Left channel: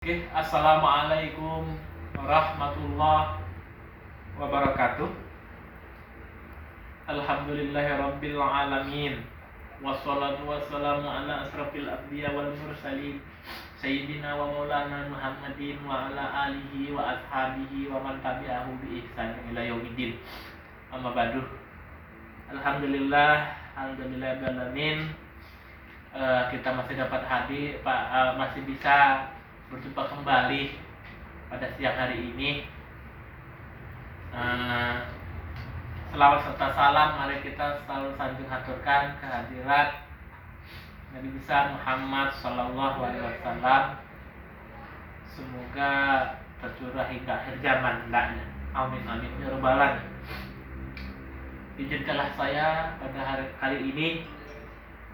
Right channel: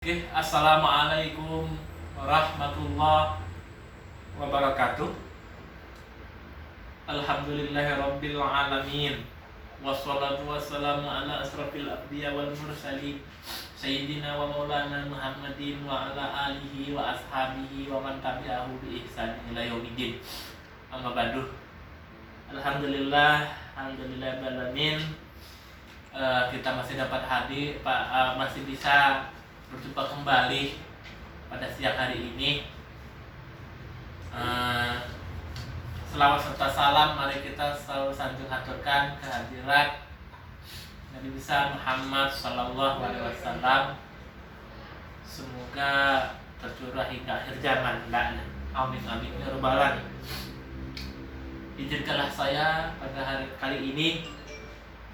Oke, assalamualaikum warahmatullahi wabarakatuh. Alhamdulillahirabbil alamin. Wassalatu wassalamu ala asrafil anbiya wal mursalin sayyidina wa maulana Muhammadin wa ala alihi wa ashabihi wa man tabi'ahu bi ihsan ila yaumiddin. Amma ba'du. Alhamdulillah alamin. Kita masih dapat hadir, masih bisa berjumpa kembali pada siang hari ini. Selawat serta salam mari kita selalu sanjung haturkan kehadirat Nabi besar Muhammad sallallahu alaihi wasallam. Semoga tercurah hingga akhir zaman hendaknya. Amin amin ya rabbal alamin. Izinkanlah saya pada hari kali ini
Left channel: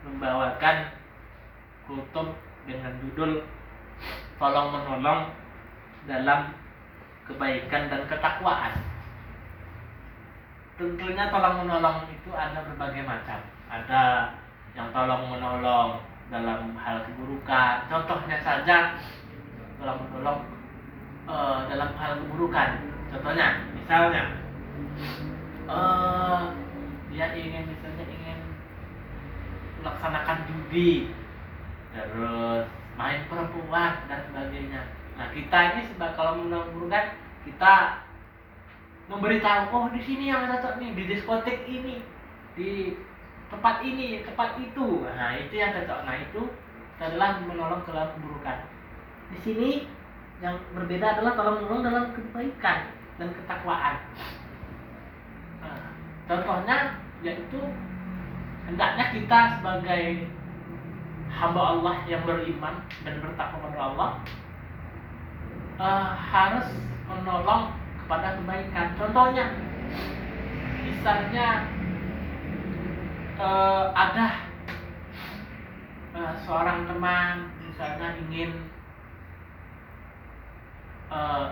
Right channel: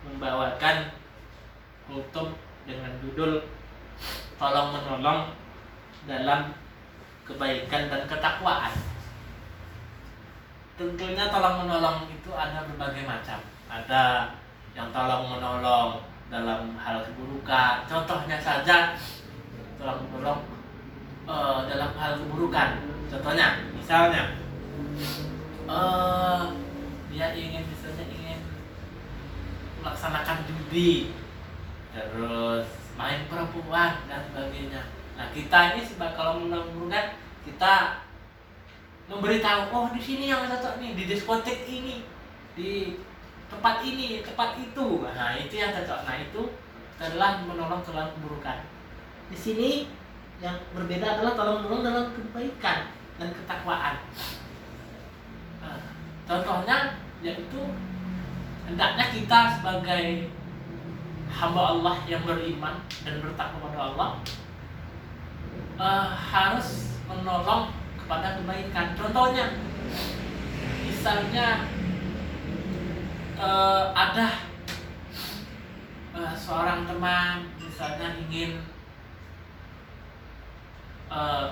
membawakan kultum dengan judul tolong menolong dalam kebaikan dan ketakwaan. Tentunya tolong menolong itu ada berbagai macam. Ada yang tolong menolong dalam hal keburukan. Contohnya saja tolong menolong dalam hal keburukan. Contohnya, misalnya dia ingin melaksanakan judi, terus main perempuan dan sebagainya. Nah, kita ini kalau menolong kita memberitahu, oh di sini yang cocok nih, di diskotek ini, di tempat ini, tempat itu. Nah, itu yang cocok. Nah, itu adalah menolong dalam keburukan. Di sini yang berbeda adalah tolong menolong dalam kebaikan dan ketakwaan. Nah, contohnya yaitu hendaknya kita sebagai hamba Allah yang beriman dan bertakwa kepada Allah harus menolong kepada kebaikan. Contohnya, misalnya ada seorang teman misalnya ingin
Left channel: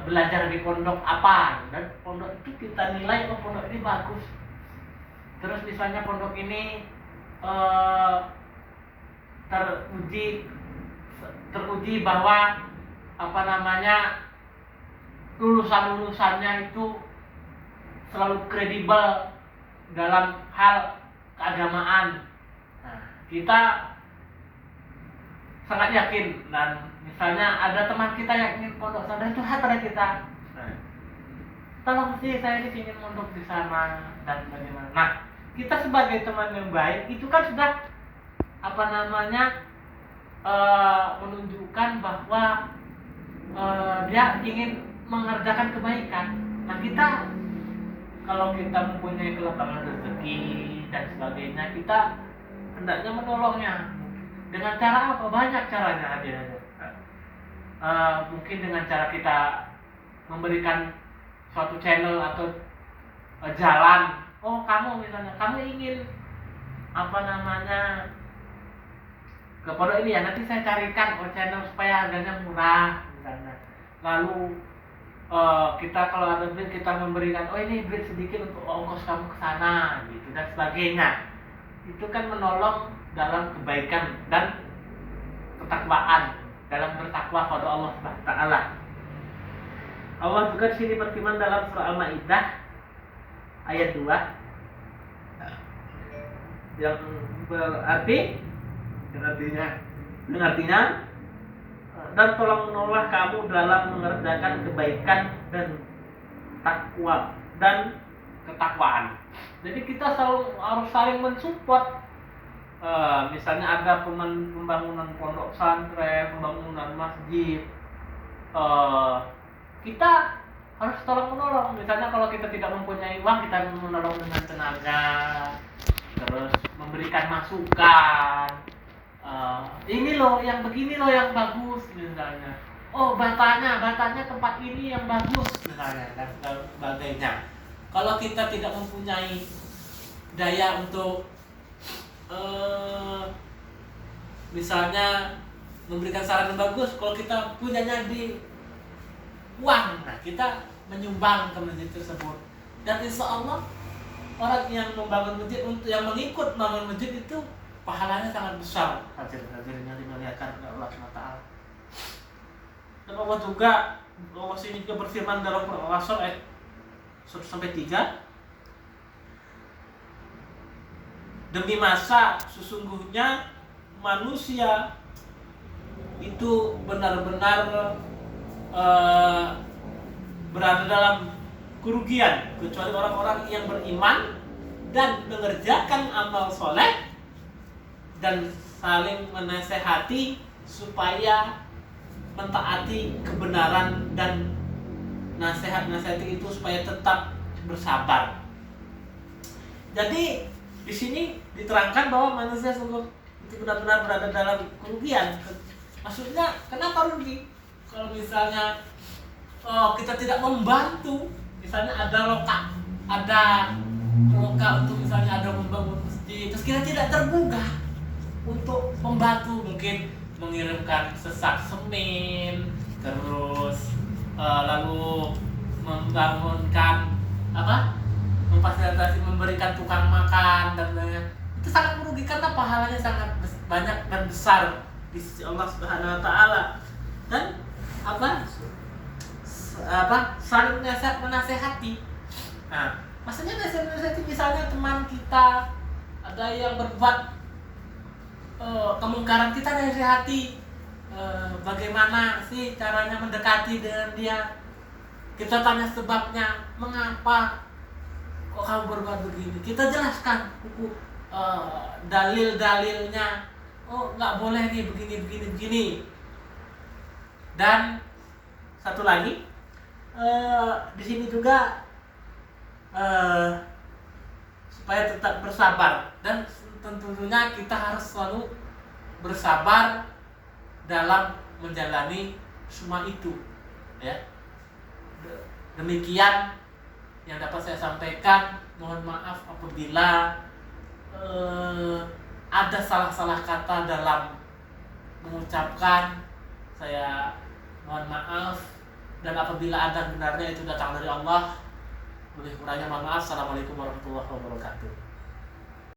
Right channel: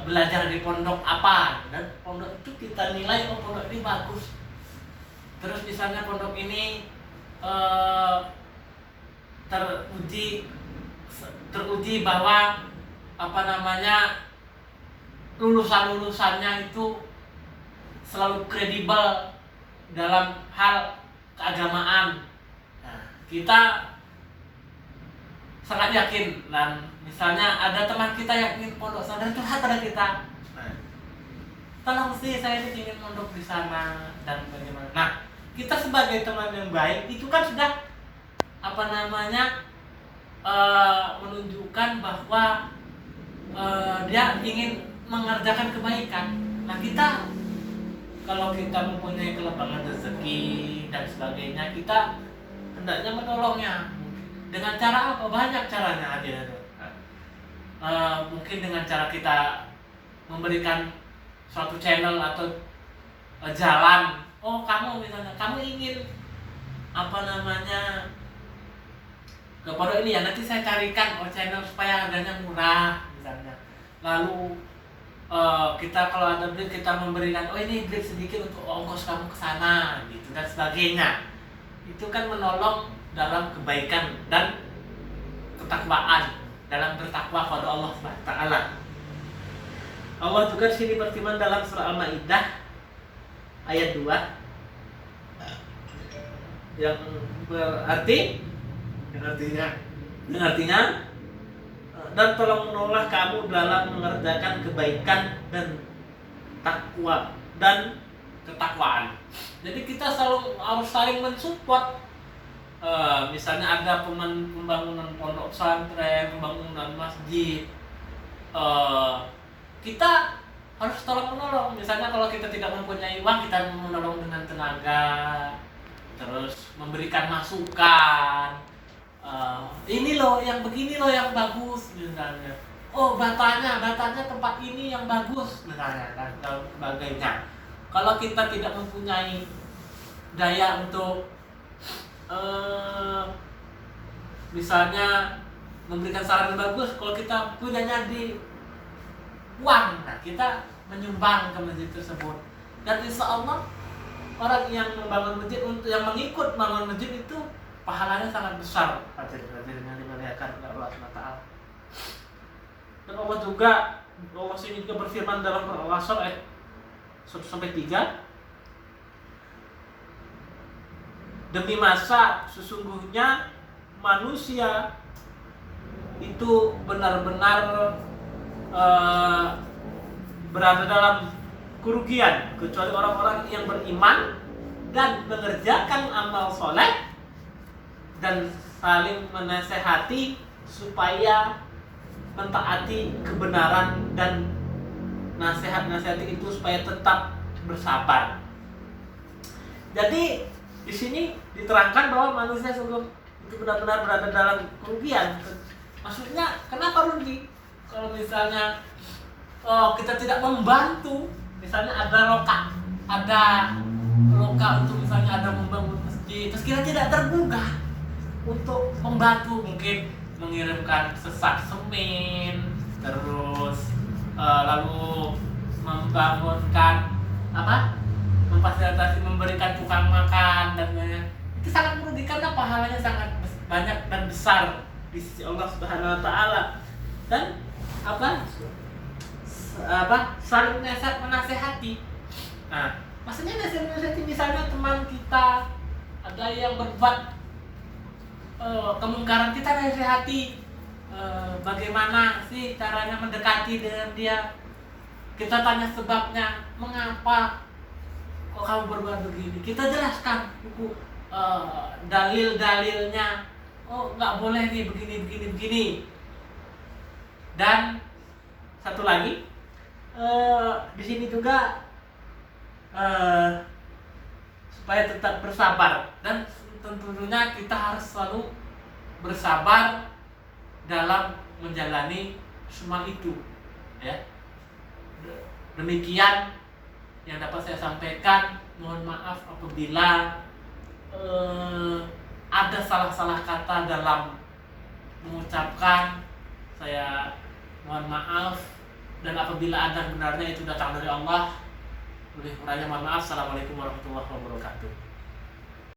belajar di pondok apa, dan pondok itu kita nilai pondok ini bagus. Terus misalnya pondok ini teruji bahwa lulusannya itu selalu kredibel dalam hal keagamaan. Nah, kita sangat yakin, dan misalnya ada teman kita yang ingin pondok sana, dan curhat pada kita, tolong sih saya ini ingin pondok di sana dan bagaimana. Nah, kita sebagai teman yang baik itu kan sudah menunjukkan bahwa dia ingin mengerjakan kebaikan. Nah, kita kalau kita mempunyai kelapangan rezeki dan sebagainya, kita hendaknya menolongnya. Dengan cara apa? Banyak caranya ada. Mungkin dengan cara kita memberikan suatu channel atau jalan. Oh, kamu misalnya, kamu ingin ke pondok ini ya, nanti saya carikan channel supaya harganya murah misalnya. Lalu kita kalau ada duit kita memberikan, oh ini duit sedikit untuk ongkos kamu ke sana gitu dan sebagainya. Itu kan menolong dalam kebaikan dan ketakwaan, dalam bertakwa kepada Allah Subhanahu wa taala. Allah juga di sini berfirman dalam surah Al-Maidah ayat 2 yang artinya dan tolong menolong kamu dalam mengerjakan kebaikan dan takwa dan ketakwaan. Jadi kita selalu harus saling mensupport. Misalnya ada pembangunan pondok pesantren, pembangunan masjid, kita harus tolong menolong. Misalnya kalau kita tidak mempunyai uang, kita menolong dengan tenaga, terus memberikan masukan. Ini loh yang begini loh yang bagus misalnya. Oh, batanya tempat ini yang bagus misalnya, dan sebagainya. Kalau kita tidak mempunyai daya untuk misalnya memberikan saran yang bagus, kalau kita punyanya di uang, nah kita menyumbang ke masjid tersebut. Dan insya Allah orang yang membangun masjid, untuk yang mengikut membangun masjid itu pahalanya sangat besar. Hadirin yang dimuliakan oleh Allah SWT. Dan Allah sini juga berfirman dalam Al-Asr ayat 1-3, demi masa sesungguhnya manusia itu benar-benar berada dalam kerugian kecuali orang-orang yang beriman dan mengerjakan amal soleh dan saling menasehati supaya mentaati kebenaran, dan nasihat-nasihat itu supaya tetap bersabar. Jadi di sini diterangkan bahwa manusia sungguh itu benar-benar berada dalam kerugian. Maksudnya kenapa rugi? Kalau misalnya kita tidak membantu, misalnya ada loka untuk misalnya ada membangun masjid, terus kita tidak tergugah untuk membantu, mungkin mengirimkan sesak semen, terus lalu membangunkan memfasilitasi memberikan tukang makan dan lain-lain, itu sangat merugikan karena pahalanya sangat banyak dan besar di sisi Allah Subhanahu wa taala. Dan saling menasehati. Nah, maksudnya nasihati, misalnya teman kita ada yang berbuat kemungkaran, kita nasihati bagaimana sih caranya mendekati dengan dia. Kita tanya sebabnya, mengapa kok kamu berbuat begini, kita jelaskan dalil-dalilnya. Oh, nggak boleh nih begini. Dan satu lagi, di sini juga supaya tetap bersabar, dan tentunya kita harus selalu bersabar dalam menjalani semua itu, ya. Demikian yang dapat saya sampaikan. Mohon maaf apabila ada salah-salah kata dalam mengucapkan. Saya mohon maaf, dan apabila ada benarnya itu datang dari Allah. Lebih kurangnya mohon maaf. Assalamualaikum warahmatullahi wabarakatuh.